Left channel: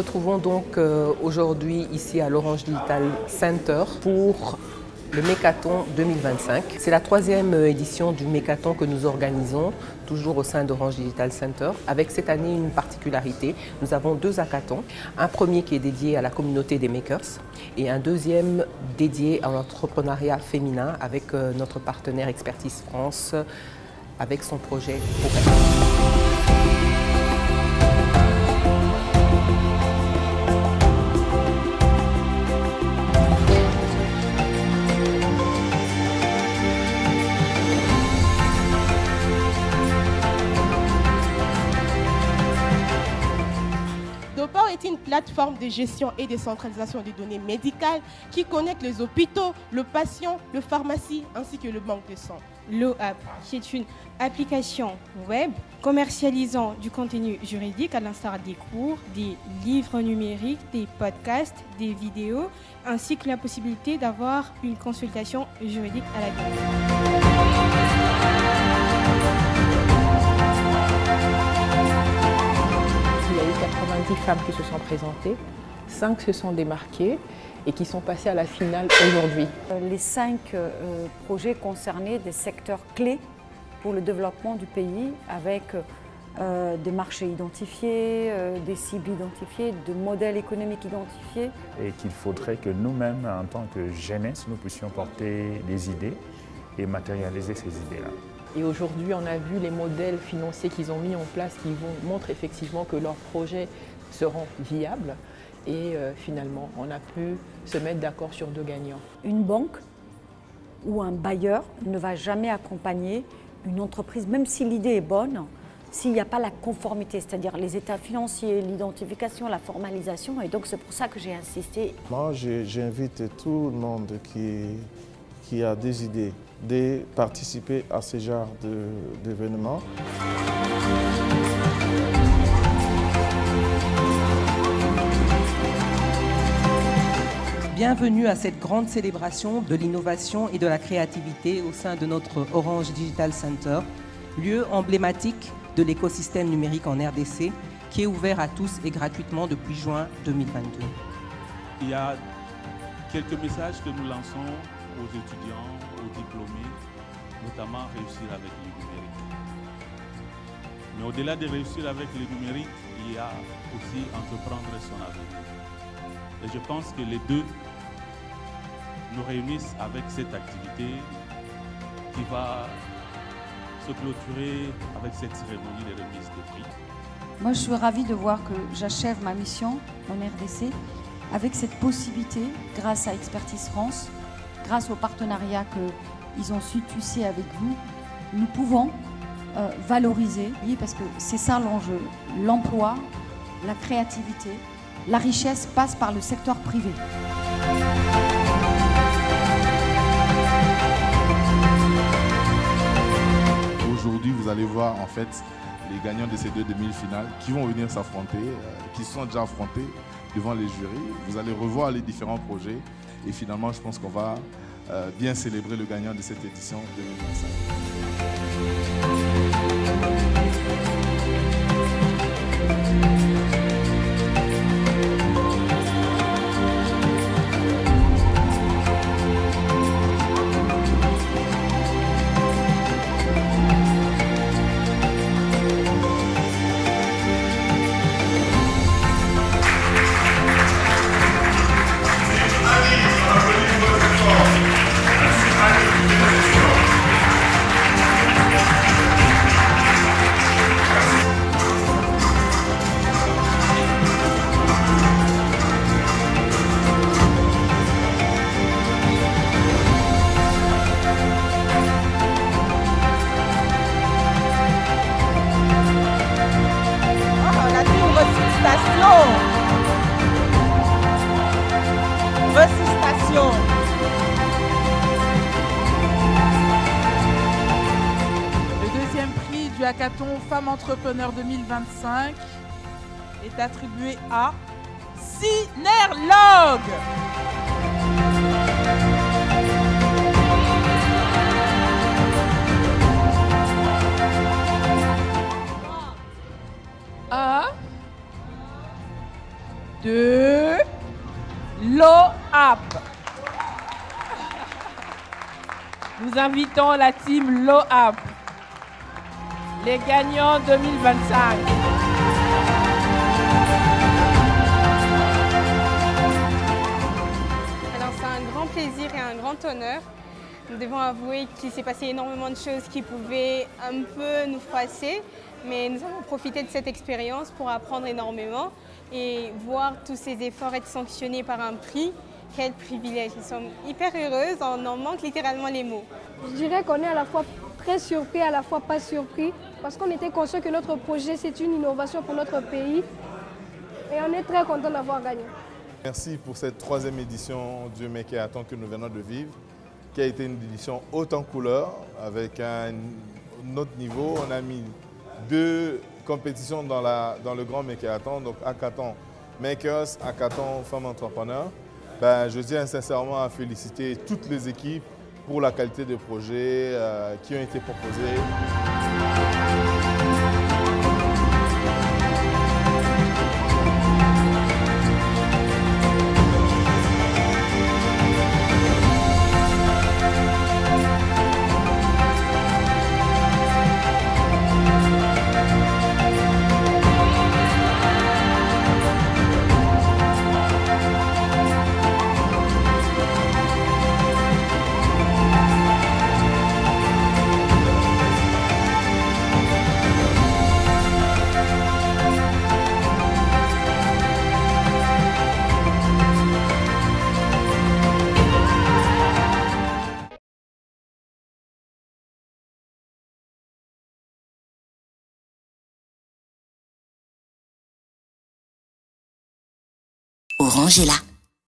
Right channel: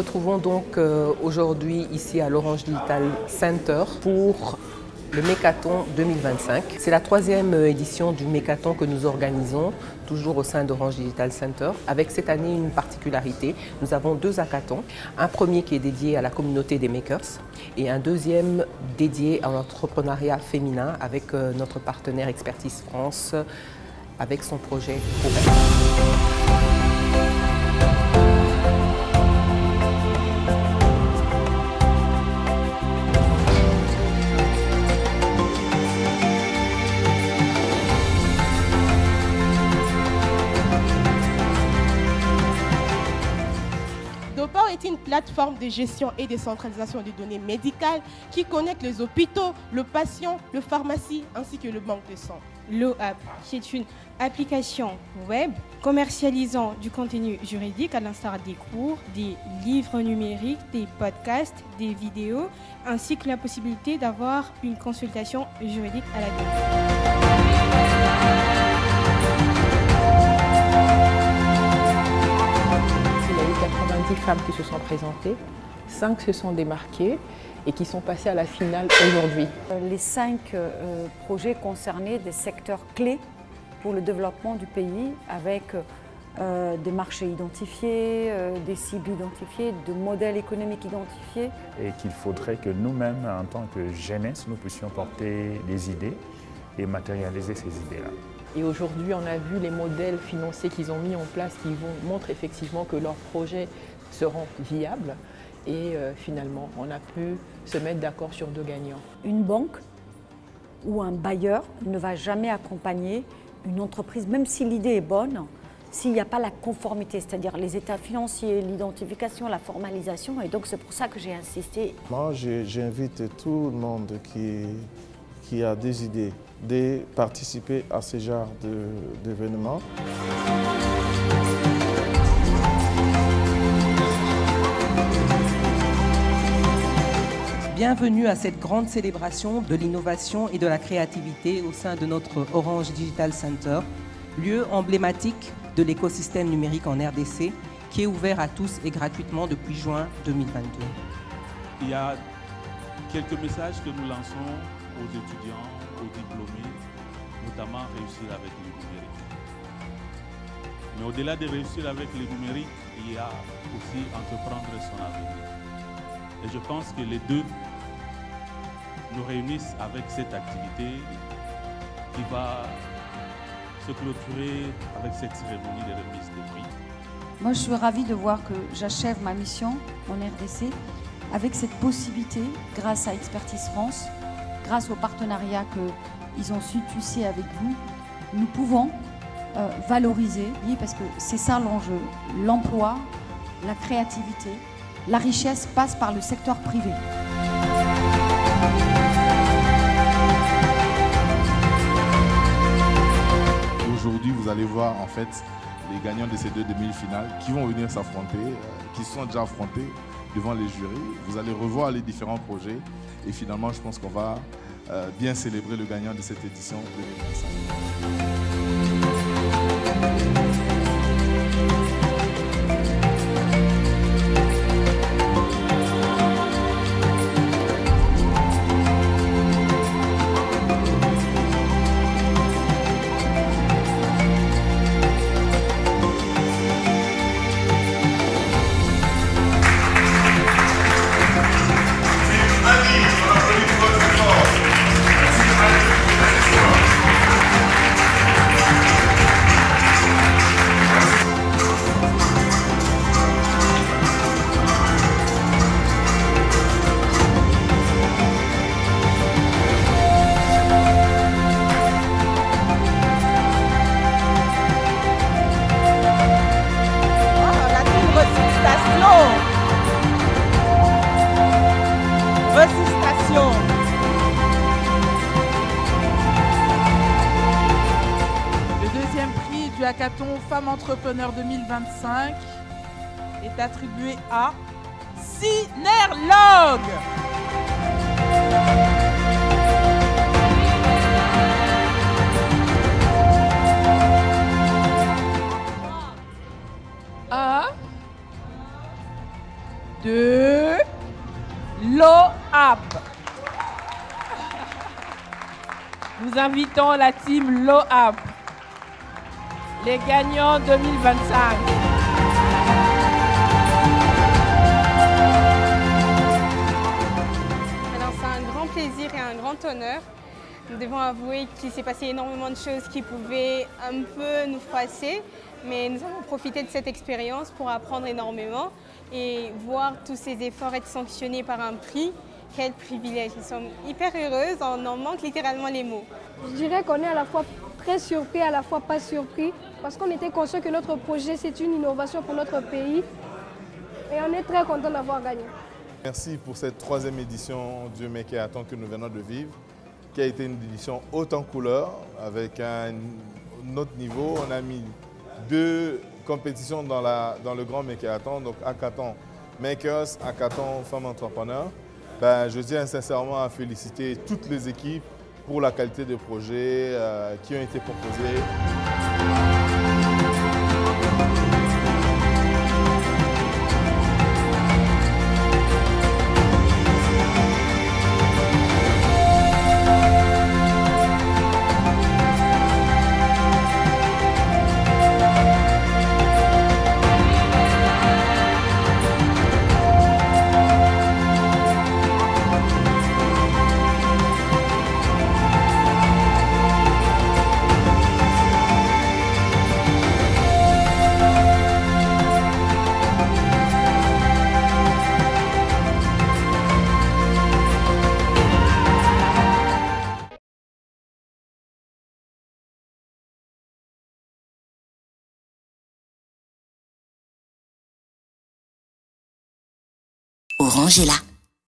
retrouvons donc aujourd'hui ici à l'Orange Digital Center pour le Mécathon 2025. C'est la 3e édition du Mécathon que nous organisons, toujours au sein d'Orange Digital Center, avec cette année une particularité. Nous avons 2 hackathons, un premier qui est dédié à la communauté des makers et un deuxième dédié à l'entrepreneuriat féminin avec notre partenaire Expertise France, avec son projet Aurel. Dopor est une plateforme de gestion et de centralisation des données médicales qui connecte les hôpitaux, le patient, le pharmacie ainsi que le banque de sang. L'OAP, qui est une application web commercialisant du contenu juridique à l'instar des cours, des livres numériques, des podcasts, des vidéos, ainsi que la possibilité d'avoir une consultation juridique à la demande. Il y a eu 90 femmes qui se sont présentées, 5 se sont démarquées et qui sont passées à la finale aujourd'hui. Les 5 projets concernaient des secteurs clés pour le développement du pays avec des marchés identifiés, des cibles identifiées, de modèles économiques identifiés. Et qu'il faudrait que nous-mêmes, en tant que jeunesse, nous puissions porter des idées et matérialiser ces idées-là. Et aujourd'hui, on a vu les modèles financiers qu'ils ont mis en place qui montrent effectivement que leurs projets seront viables. Et finalement, on a pu se mettre d'accord sur 2 gagnants. Une banque ou un bailleur ne va jamais accompagner une entreprise, même si l'idée est bonne, s'il n'y a pas la conformité, c'est-à-dire les états financiers, l'identification, la formalisation. Et donc c'est pour ça que j'ai insisté. Moi, j'invite tout le monde qui a des idées de participer à ce genre d'événements. Bienvenue à cette grande célébration de l'innovation et de la créativité au sein de notre Orange Digital Center, lieu emblématique de l'écosystème numérique en RDC, qui est ouvert à tous et gratuitement depuis juin 2022. Il y a quelques messages que nous lançons aux étudiants, aux diplômés, notamment réussir avec le numérique. Mais au-delà de réussir avec le numérique, il y a aussi entreprendre son avenir. Et je pense que les deux nous réunissent avec cette activité qui va se clôturer avec cette cérémonie de remise des prix. Moi, je suis ravie de voir que j'achève ma mission en RDC avec cette possibilité, grâce à Expertise France, grâce au partenariat qu'ils ont su tisser avec vous, nous pouvons valoriser, parce que c'est ça l'enjeu, l'emploi, la créativité, la richesse passe par le secteur privé. Aujourd'hui, vous allez voir en fait les gagnants de ces 2 demi-finales qui vont venir s'affronter, qui sont déjà affrontés devant les jurys. Vous allez revoir les différents projets et finalement, je pense qu'on va bien célébrer le gagnant de cette édition 2025. Résistation. Le deuxième prix du hackathon Femmes Entrepreneurs 2025 est attribué à Synerlog. LOAP. Nous invitons la team LOAP, les gagnants 2025. Alors c'est un grand plaisir et un grand honneur. Nous devons avouer qu'il s'est passé énormément de choses qui pouvaient un peu nous froisser, mais nous avons profité de cette expérience pour apprendre énormément et voir tous ces efforts être sanctionnés par un prix. Quel privilège, nous sommes hyper heureuses, on en manque littéralement les mots. Je dirais qu'on est à la fois très surpris, à la fois pas surpris, parce qu'on était conscient que notre projet c'est une innovation pour notre pays et on est très content d'avoir gagné. Merci pour cette 3e édition du Mékaton que nous venons de vivre, qui a été une édition haute en couleur, avec un autre niveau. On a mis 2 compétitions dans le grand Mékaton, donc Hackathon Makers, Hackathon Femmes Entrepreneurs. Je tiens sincèrement à féliciter toutes les équipes pour la qualité des projets qui ont été proposés. Orange est là.